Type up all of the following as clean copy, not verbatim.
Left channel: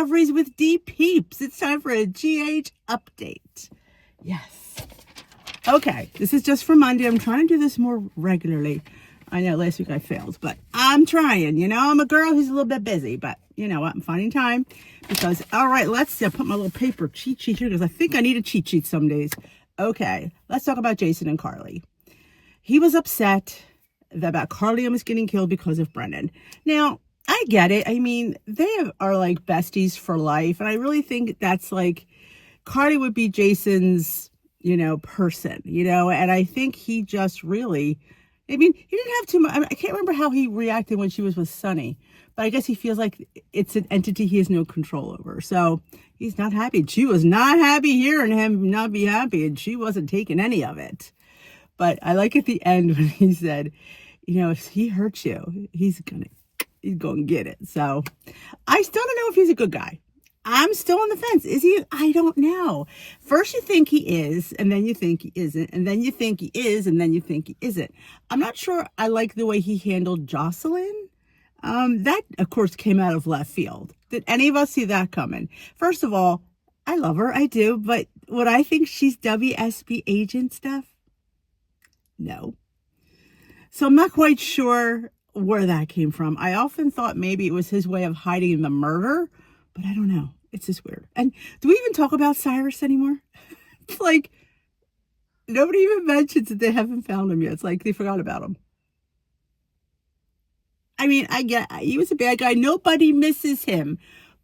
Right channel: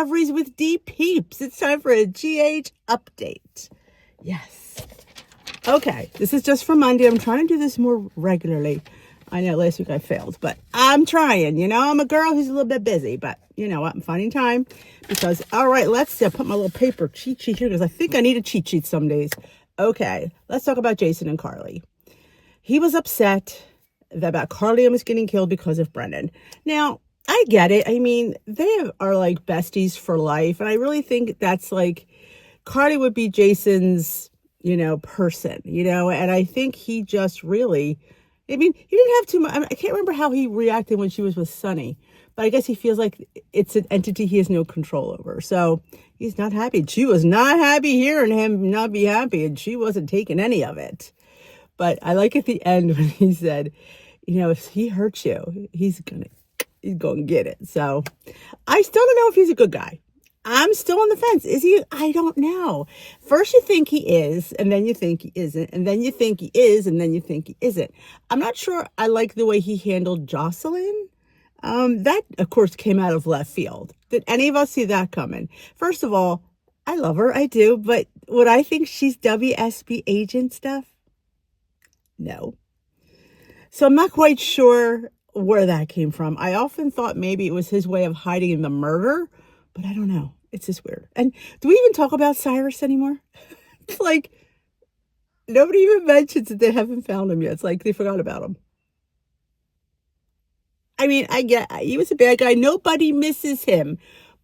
discoveries with D Peeps. It's time for a GH update. Yes. Okay, this is just for Monday. I'm trying to do this more regularly. I know last week I failed, but I'm trying. You know, I'm a girl who's a little bit busy, but you know what? I'm finding time because, all right, let's put my little paper cheat sheet here because I think I need a cheat sheet some days. Okay, let's talk about Jason and Carly. He was upset about Carly almost getting killed because of Brendan. Now, I get it. I mean, they are like besties for life. And I really think that's like, Carly would be Jason's, you know, person, you know, and I think he just really, I mean, he didn't have too much. I mean, I can't remember how he reacted when she was with Sonny, but I guess he feels like it's an entity he has no control over. So he's not happy. She was not happy hearing him not be happy, and she wasn't taking any of it. But I like at the end when he said, you know, if he hurts you, he's going to get it. So I still don't know if he's a good guy. I'm still on the fence. Is he? I don't know. First you think he is, and then you think he isn't, and then you think he is, and then you think he isn't. I'm not sure I like the way he handled Jocelyn. That, of course, came out of left field. Did any of us see that coming? First of all, I love her. I do. But would I think she's WSB agent stuff? No. So I'm not quite sure where that came from. I often thought maybe it was his way of hiding the murder, but I don't know. It's just weird. And do we even talk about Cyrus anymore? It's like nobody even mentions that they haven't found him yet. It's like they forgot about him. I mean, I get he was a bad guy. Nobody misses him.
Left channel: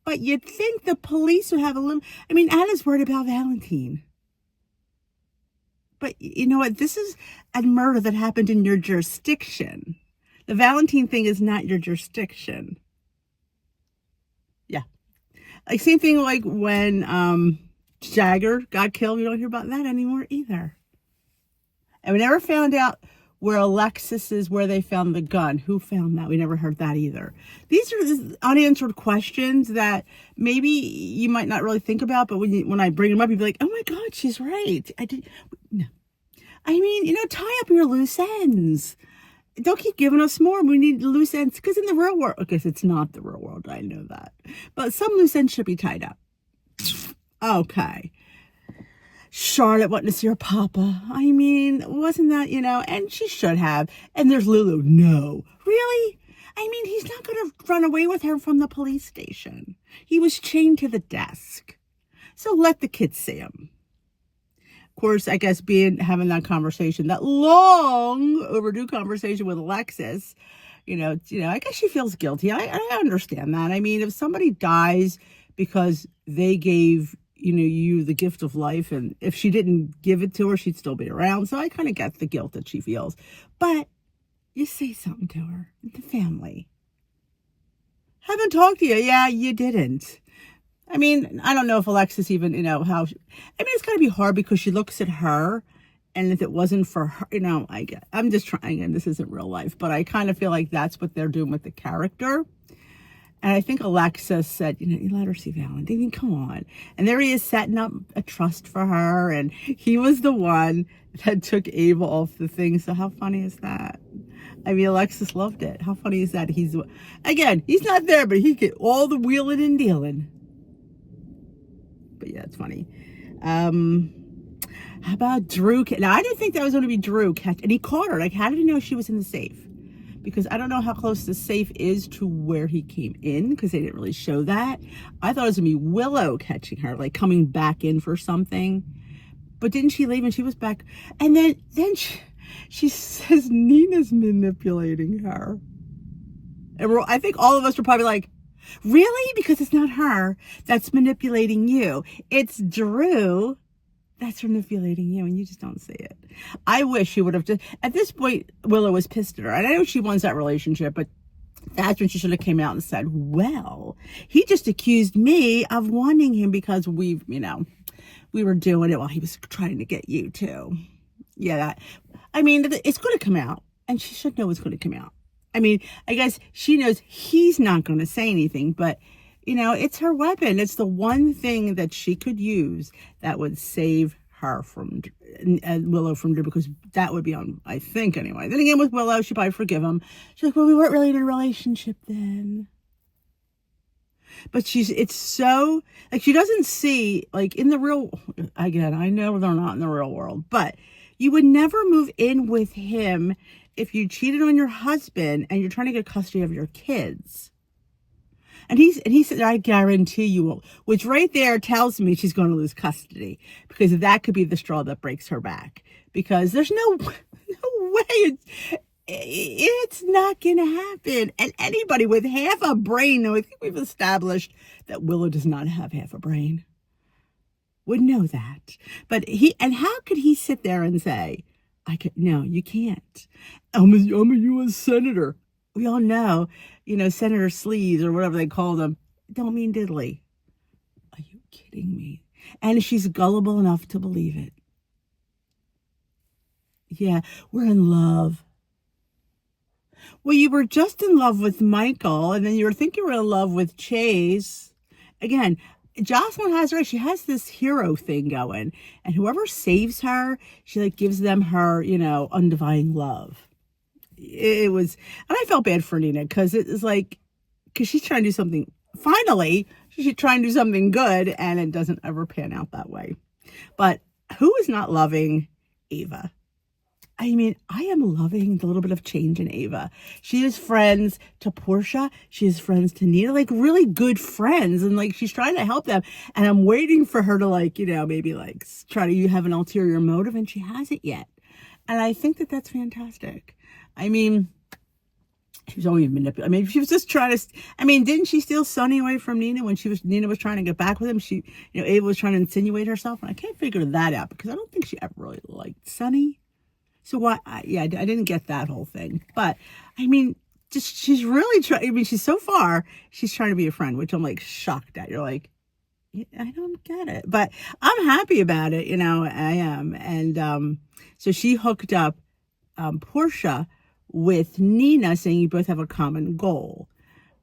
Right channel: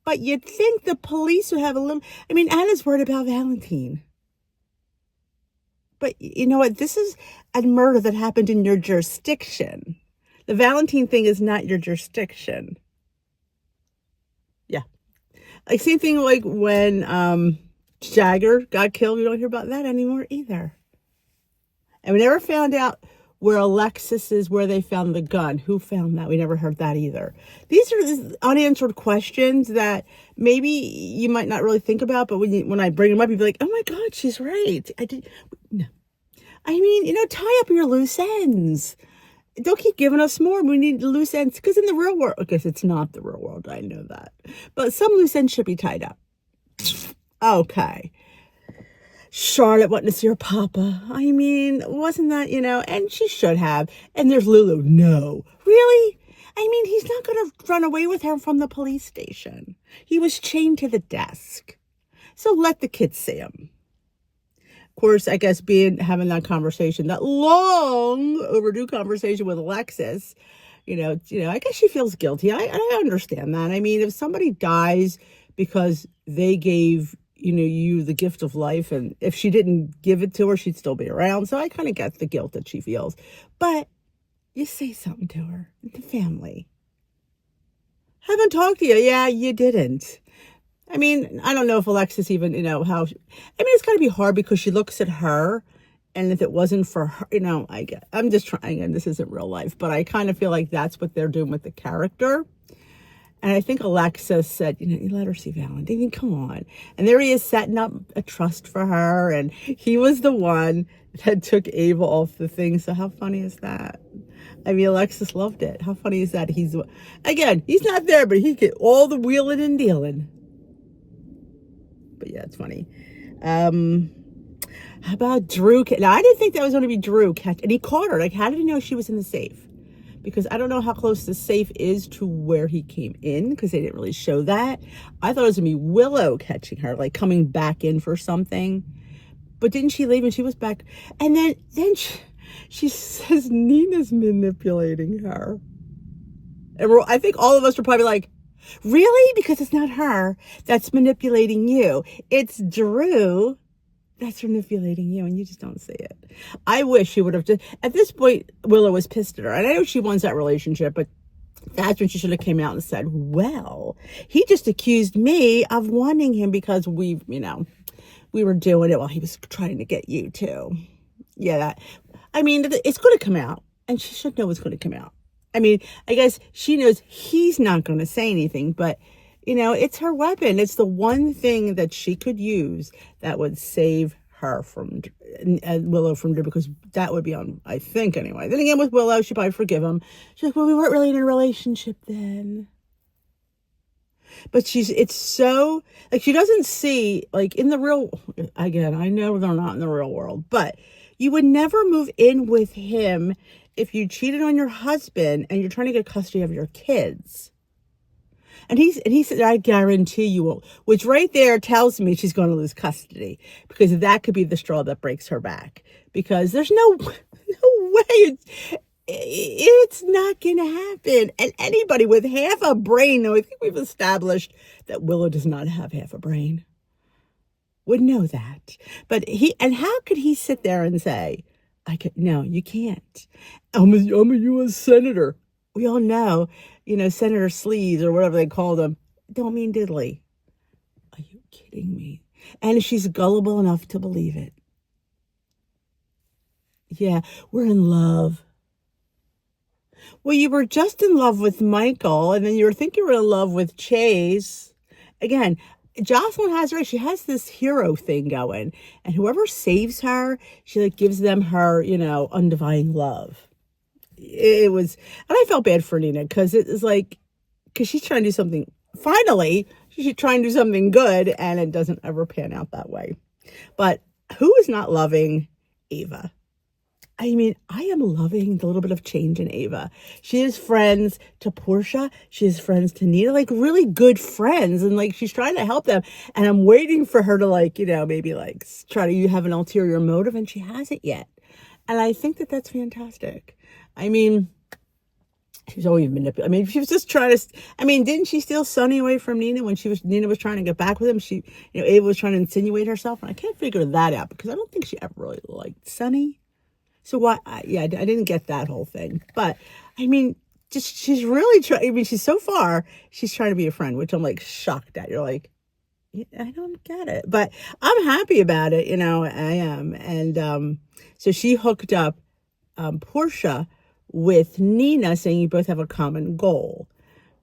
But you'd think the police would have a little... I mean, Anna's worried about Valentine. But you know what? This is a murder that happened in your jurisdiction. The Valentine thing is not your jurisdiction. Yeah. Like same thing like when Jagger got killed. We don't hear about that anymore either. And we never found out where Alexis is, where they found the gun. Who found that? We never heard that either. These are unanswered questions that maybe you might not really think about, but when I bring them up, you'd be like, oh my God, she's right. No. I mean, you know, tie up your loose ends. Don't keep giving us more. We need loose ends. Because in the real world, because it's not the real world, I know that. But some loose ends should be tied up. Okay. Charlotte wanting to see her papa. I mean, wasn't that, you know, and she should have. And there's Lulu. No. Really? I mean, he's not going to run away with her from the police station. He was chained to the desk. So let the kids see him. Of course, I guess having that conversation, that long overdue conversation with Alexis, you know, I guess she feels guilty. I understand that. I mean, if somebody dies because they gave, you know, you the gift of life, and if she didn't give it to her, she'd still be around. So I kind of get the guilt that she feels. But you say something to her, the family. Haven't talked to you. Yeah, you didn't. I mean, I don't know if Alexis even, you know, I mean, it's got to be hard because she looks at her, and if it wasn't for her, you know, I'm just trying, and this isn't real life, but I kind of feel like that's what they're doing with the character. And I think Alexis said, you know, you let her see Valentine. I mean, come on. And there he is setting up a trust for her, and he was the one that took Ava off the thing. So how funny is that? I mean, Alexis loved it. How funny is that? He's not there, but he get all the wheeling and dealing. But yeah, it's funny. How about Drew? Now, I didn't think that was going to be Drew. And he caught her. Like, how did he know she was in the safe? Because I don't know how close the safe is to where he came in, because they didn't really show that. I thought it was going to be Willow catching her, like coming back in for something. But didn't she leave and she was back? And then she says Nina's manipulating her. And I think all of us were probably like, really? Because it's not her that's manipulating you. It's Drew that's manipulating you, and you just don't see it. I wish she would have just... At this point, Willow was pissed at her. And I know she wants that relationship, but that's when she should have came out and said, well, he just accused me of wanting him because we were doing it while he was trying to get you, too. Yeah, I mean, it's going to come out, and she should know it's going to come out. I mean, I guess she knows he's not going to say anything, but, you know, it's her weapon. It's the one thing that she could use that would save her from Willow from Drew, because that would be on, I think, anyway. Then again, with Willow, she'd probably forgive him. She's like, well, we weren't really in a relationship then. But it's so, like, she doesn't see, like, in the real, again, I know they're not in the real world, but you would never move in with him if you cheated on your husband and you're trying to get custody of your kids. And he said, I guarantee you won't, which right there tells me she's going to lose custody, because that could be the straw that breaks her back, because there's no way it's not going to happen. And anybody with half a brain, though I think we've established that Willow does not have half a brain, would know that. But and how could he sit there and say, no, you can't. I'm a U.S. Senator. We all know, Senator Sleeves or whatever they called him, don't mean diddly. Are you kidding me? And she's gullible enough to believe it. Yeah, we're in love. Well, you were just in love with Michael, and then you were thinking you were in love with Chase. Again, Jocelyn has right. She has this hero thing going, and whoever saves her, she like gives them her, undying love. It was, and I felt bad for Nina, because it was like, because she's trying to do something. Finally, she's trying to do something good, and it doesn't ever pan out that way. But who is not loving Ava? I mean, I am loving the little bit of change in Ava. She is friends to Portia. She is friends to Nina, like really good friends. And like, she's trying to help them. And I'm waiting for her to like, maybe like try to have an ulterior motive. And she hasn't yet. And I think that that's fantastic. I mean, she was always manipulative. I mean, she was just trying to, didn't she steal Sonny away from Nina when Nina was trying to get back with him? She, Ava was trying to insinuate herself. And I can't figure that out, because I don't think she ever really liked Sonny. So why? I didn't get that whole thing. But I mean, just she's really trying. I mean, she's trying to be a friend, which I'm like shocked at. You're like, I don't get it, but I'm happy about it. I am. And so she hooked up Portia with Nina, saying you both have a common goal,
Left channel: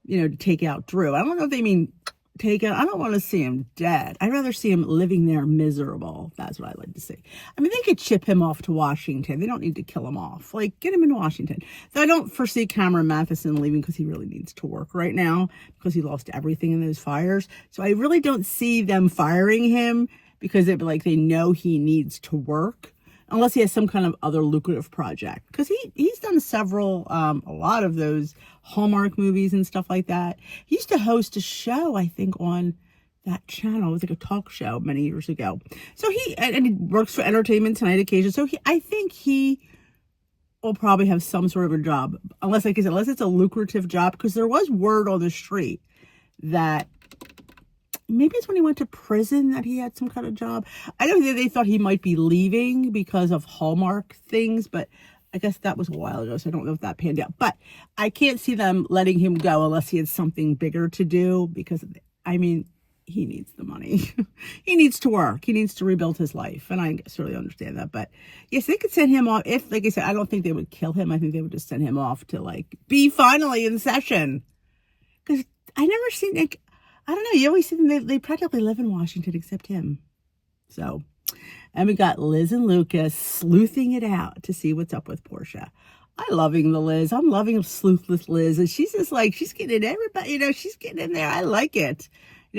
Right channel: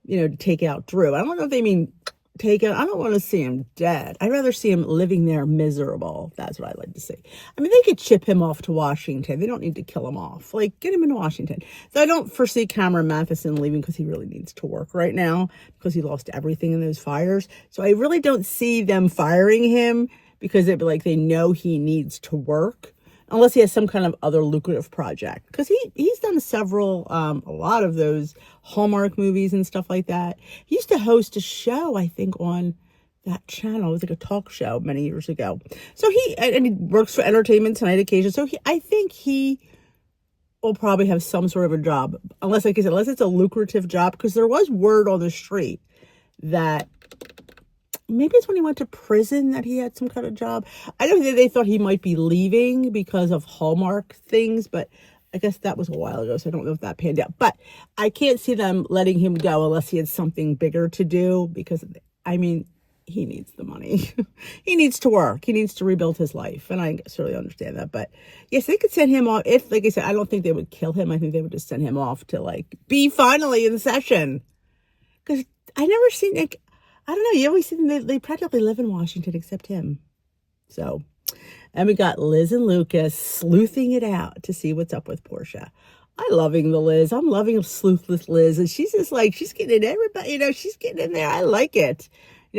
to take out Drew. I don't know if they mean take it. I don't want to see him dead. I'd rather see him living there miserable. That's what I'd like to see. I mean, they could ship him off to Washington. They don't need to kill him off. Like, get him in Washington. So I don't foresee Cameron Matheson leaving, because he really needs to work right now, because he lost everything in those fires. So I really don't see them firing him, because they'd be like, they know he needs to work, unless he has some kind of other lucrative project. Because he's done several, a lot of those Hallmark movies and stuff like that. He used to host a show, I think, on that channel. It was like a talk show many years ago. So he works for Entertainment Tonight occasionally. So I think he will probably have some sort of a job, unless, like I said, unless it's a lucrative job, because there was word on the street that maybe it's when he went to prison that he had some kind of job. I don't think they thought he might be leaving because of Hallmark things, but I guess that was a while ago, so I don't know if that panned out. But I can't see them letting him go unless he had something bigger to do, because, he needs the money. He needs to work. He needs to rebuild his life, and I certainly understand that. But, yes, they could send him off. If, like I said, I don't think they would kill him. I think they would just send him off to, like, be finally in session. Because I never seen, like, I don't know, you always see them, they practically live in Washington except him. So, and we got Liz and Lucas sleuthing it out to see what's up with Portia. I'm loving the Liz. I'm loving sleuthless Liz. And she's just like, she's getting in everybody, she's getting in there. I like it.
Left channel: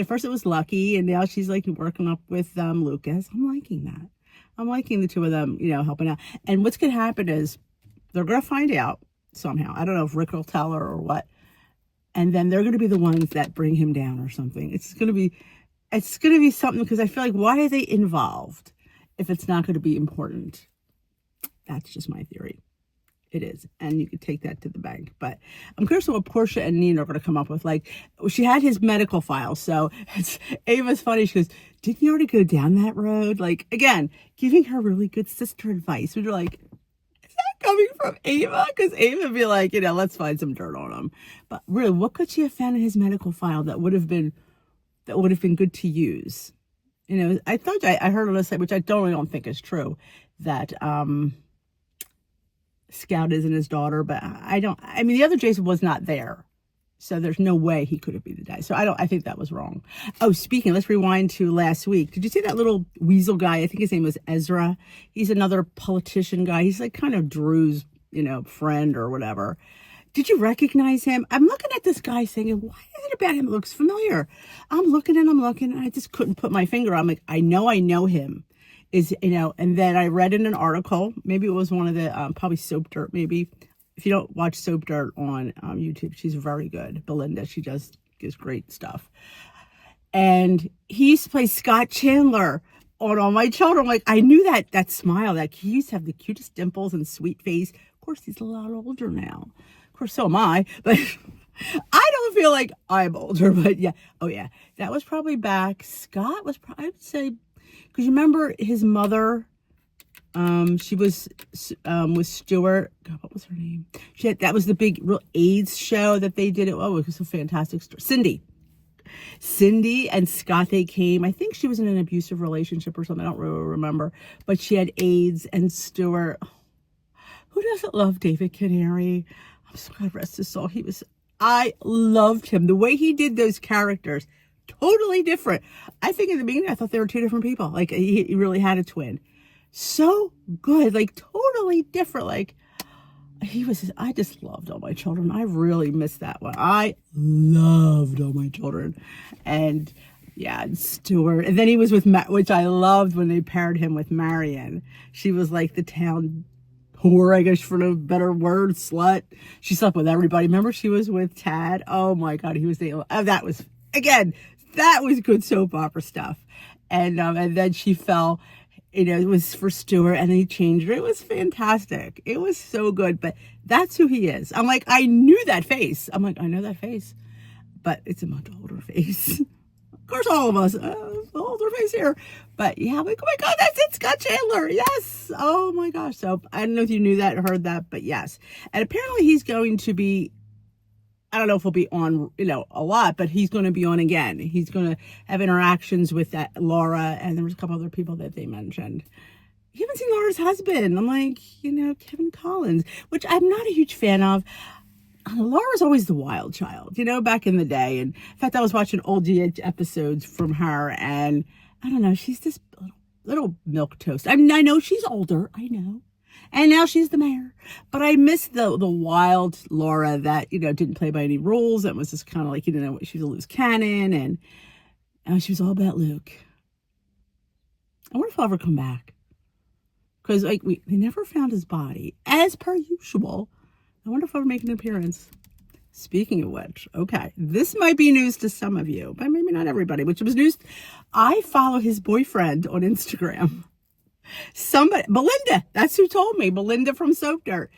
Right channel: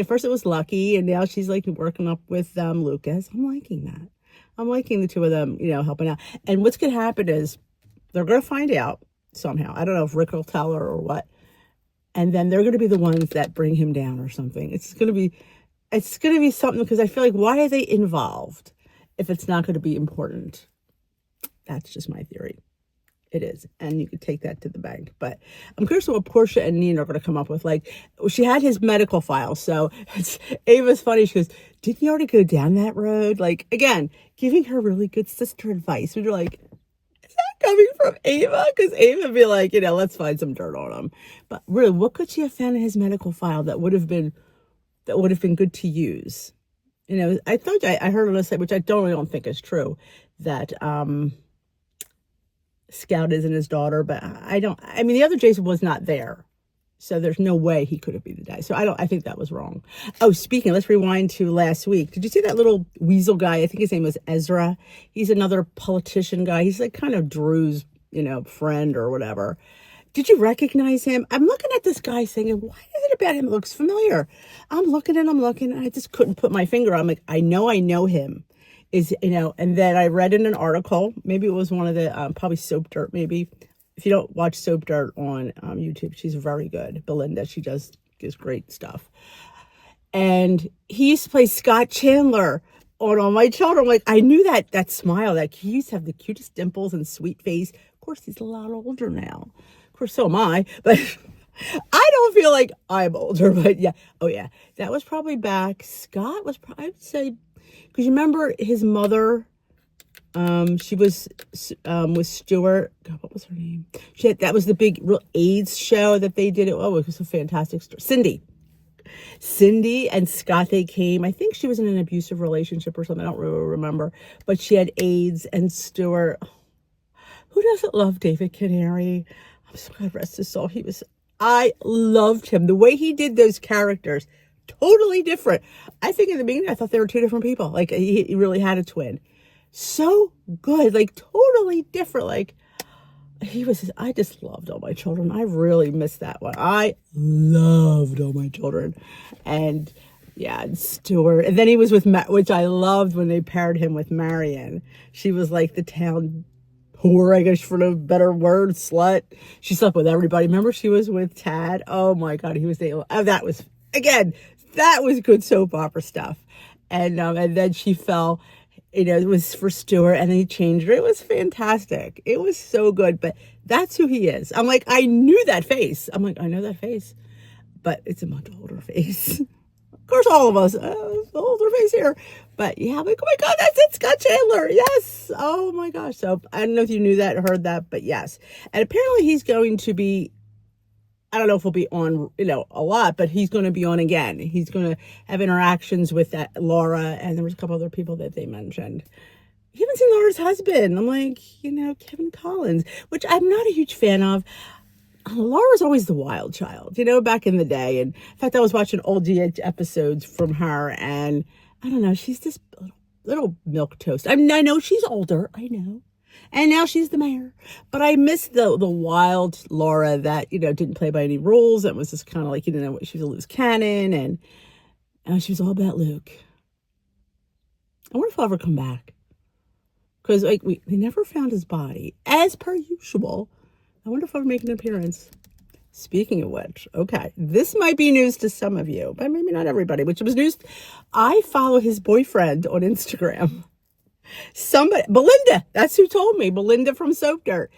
First it was Lucky, and now she's like working up with Lucas. I'm liking that. I'm liking the two of them, helping out. And what's going to happen is they're going to find out somehow. I don't know if Rick will tell her or what. And then they're going to be the ones that bring him down or something. It's going to be something, because I feel like, why are they involved if it's not going to be important? That's just my theory. It is. And you could take that to the bank. But I'm curious what Portia and Nina are going to come up with. Like, she had his medical file. So Ava's funny. She goes, didn't you already go down that road? Like, again, giving her really good sister advice. And you're like, coming from Ava, because Ava would be like, let's find some dirt on him. But really, what could she have found in his medical file that would have been good to use? I thought I heard on a site, which I don't think is true, that Scout isn't his daughter, but the other Jason was not there. So there's no way he could have been the guy. So I think that was wrong. Oh, speaking, let's rewind to last week. Did you see that little weasel guy? I think his name was Ezra. He's another politician guy. He's like kind of Drew's, friend or whatever. Did you recognize him? I'm looking at this guy thinking, why is it about him? It looks familiar. I'm looking and I just couldn't put my finger. I'm like, I know him. And then I read in an article, maybe it was one of the, probably Soap Dirt, maybe. If you don't watch Soap Dirt on YouTube, she's very good. Belinda, she gives great stuff. And he used to play Scott Chandler on All My Children. I'm like, I knew that smile, that he used to have the cutest dimples and sweet face. Of course, he's a lot older now. Of course, so am I. But I don't feel like I'm older. But yeah. Oh, yeah. That was probably back. Scott was probably, I'd say, because you remember his mother, she was with Stewart. God, what was her name? That was the big real AIDS show that they did. Oh, it was a fantastic story. Cindy and Scott, they came. I think she was in an abusive relationship or something. I don't really remember. But she had AIDS, and Stewart. Who doesn't love David Canary? I'm so glad rest his soul. I loved him. The way he did those characters, totally different. I think in the beginning, I thought they were two different people. Like, he really had a twin. So good. Like, totally different. Like, I just loved All My Children. I really missed that one. I loved All My Children. And yeah, and Stewart. And then he was with which I loved when they paired him with Marion. She was like the town whore, I guess, for a better word, slut. She slept with everybody. Remember, she was with Tad. Oh my God, he was that was good soap opera stuff. And then she fell. It was for Stewart, and then he changed her. It was fantastic. It was so good, but that's who he is. I'm like, I knew that face. I'm like, I know that face, but it's a much older face. Of course, all of us, older face here. But yeah, I'm like, oh my God, that's it, Scott Chandler. Yes. Oh my gosh. So I don't know if you knew that or heard that, but yes. And apparently he's going to be, I don't know if he'll be on, a lot, but he's going to be on again. He's going to have interactions with that Laura, and there was a couple other people that they mentioned. You haven't seen Laura's husband. I'm like, Kevin Collins, which I'm not a huge fan of. Laura's always the wild child, back in the day. And in fact, I was watching old GH episodes from her, and I don't know, she's this little milquetoast. I mean, I know she's older. I know. And now she's the mayor. But I miss the wild Laura that, didn't play by any rules. That was just kind of like, she was a loose cannon. And she was all about Luke. I wonder if I'll ever come back. Because they never found his body. As per usual. I wonder if I'll make an appearance. Speaking of which, okay. This might be news to some of you. But maybe not everybody. Which was news. I follow his boyfriend on Instagram. Belinda, that's who told me. Belinda from Soap Dirt.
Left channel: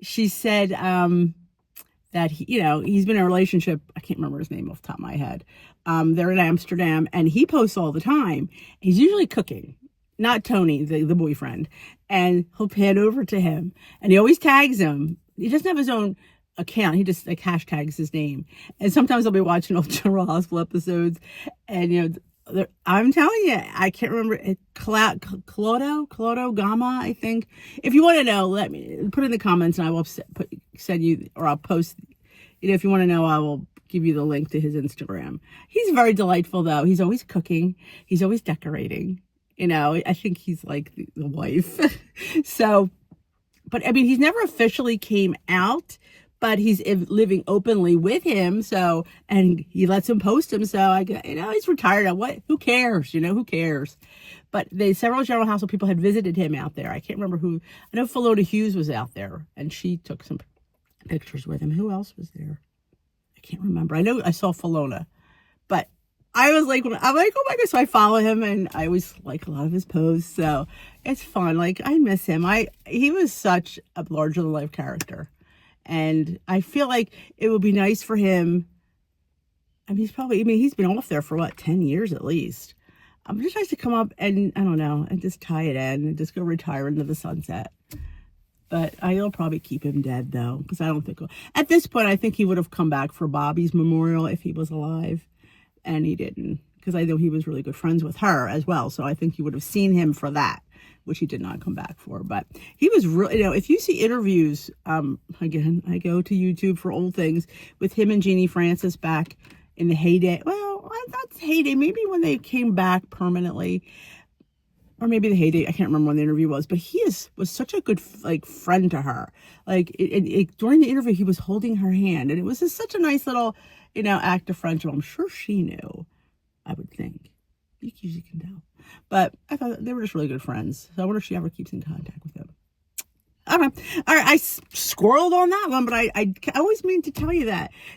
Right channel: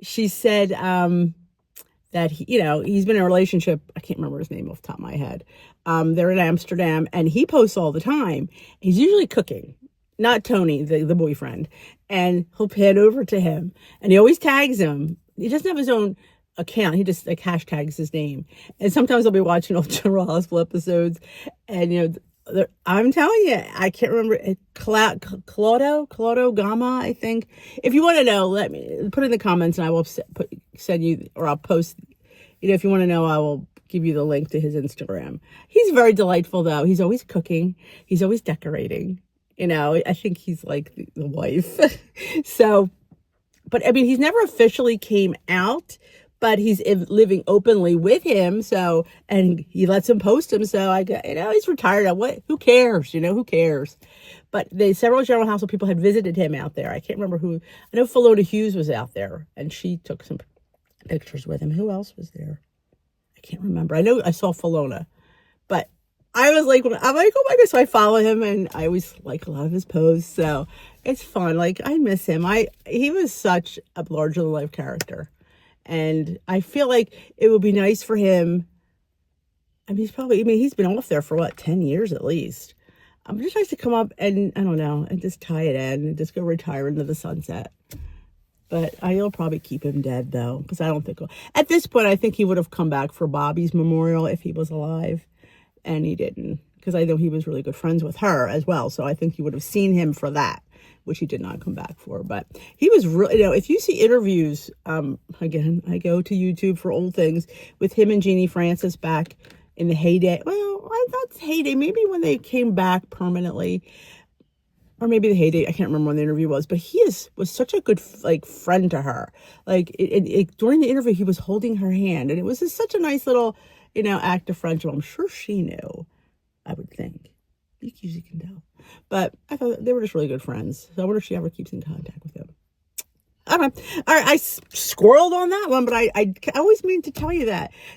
She said that he's been in a relationship. I can't remember his name off the top of my head. They're in Amsterdam, and he posts all the time. He's usually cooking, not Tony, the boyfriend. And he'll pan over to him, and he always tags him. He doesn't have his own account. He just hashtags his name. And sometimes I'll be watching old General Hospital episodes, and I'm telling you, I can't remember. Claudio Gama, I think. If you want to know, let me put it in the comments, and I will send you, or I'll post. If you want to know, I will give you the link to his Instagram. He's very delightful, though. He's always cooking. He's always decorating. I think he's like the wife. So, but I mean, he's never officially came out. But he's living openly with him, so, and he lets him post him, so I go, he's retired. Who cares? Who cares? But several General Hospital people had visited him out there. I can't remember who. I know Philona Hughes was out there, and she took some pictures with him. Who else was there? I can't remember. I know I saw Philona, but I was like, I'm like, oh my God. So I follow him, and I always like a lot of his posts, so it's fun. Like, I miss him. He was such a larger-than-life character. And I feel like it would be nice for him. I mean, he's been off there for 10 years at least. Just nice to come up and, I don't know, and just tie it in and just go retire into the sunset. But I'll probably keep him dead, though, because I don't think, at this point, I think he would have come back for Bobby's memorial if he was alive. And he didn't, because I know he was really good friends with her as well. So I think you would have seen him for that, which he did not come back for. But he was really, if you see interviews, again, I go to YouTube for old things with him and Jeannie Francis back in the heyday. Well, I thought heyday, maybe when they came back permanently. or maybe the heyday. I can't remember when the interview was, but was such a good like friend to her. Like during the interview, he was holding her hand, and it was just such a nice little, act of friendship. I'm sure she knew. I would think. You usually can tell, but I thought they were just really good friends. So I wonder if she ever keeps in contact with him. Okay. All right. I squirreled on that one, but I always mean to tell you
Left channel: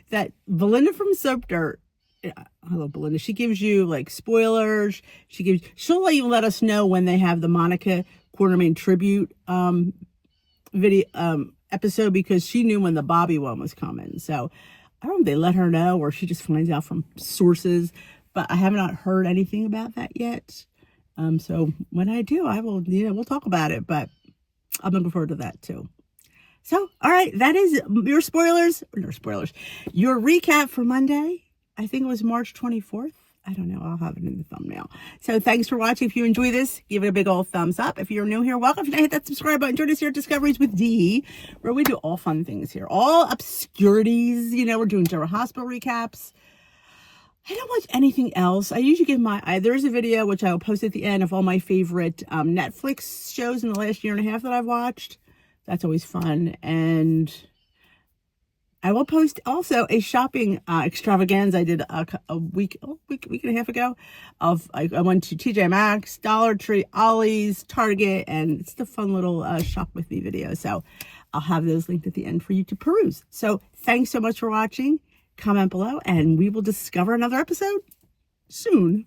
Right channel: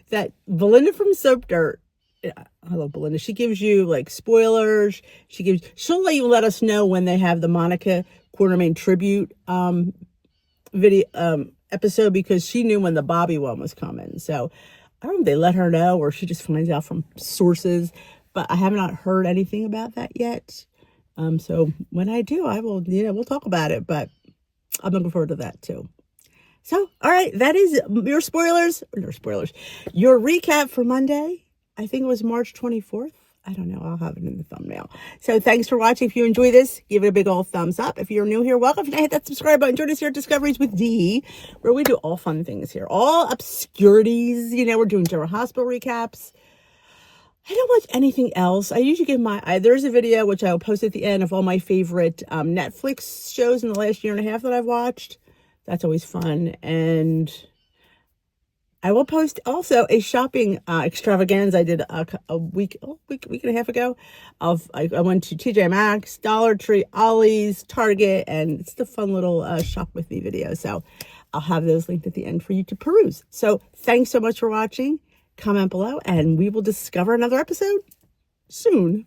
that Belinda from Soap Dirt. I love Belinda. She gives you like spoilers. She'll let us know when they have the Monica Quartermain tribute video episode, because she knew when the Bobby one was coming. So I don't know if they let her know or she just finds out from sources, but I have not heard anything about that yet. So when I do, I will, we'll talk about it, but I'm looking forward to that too. So, all right, that is your your recap for Monday. I think it was March 24th. I don't know. I'll have it in the thumbnail. So thanks for watching. If you enjoy this, give it a big old thumbs up. If you're new here, welcome. If you hit that subscribe button, join us here at Discoveries with Dee, where we do all fun things here. All obscurities. We're doing General Hospital recaps. I don't watch anything else. I usually give there's a video, which I'll post at the end, of all my favorite Netflix shows in the last year and a half that I've watched. That's always fun. And I will post also a shopping extravaganza I did a week and a half ago. I went to TJ Maxx, Dollar Tree, Ollie's, Target, and it's the fun little shop with me video. So I'll have those linked at the end for you to peruse. So thanks so much for watching. Comment below, and we will discover another episode soon.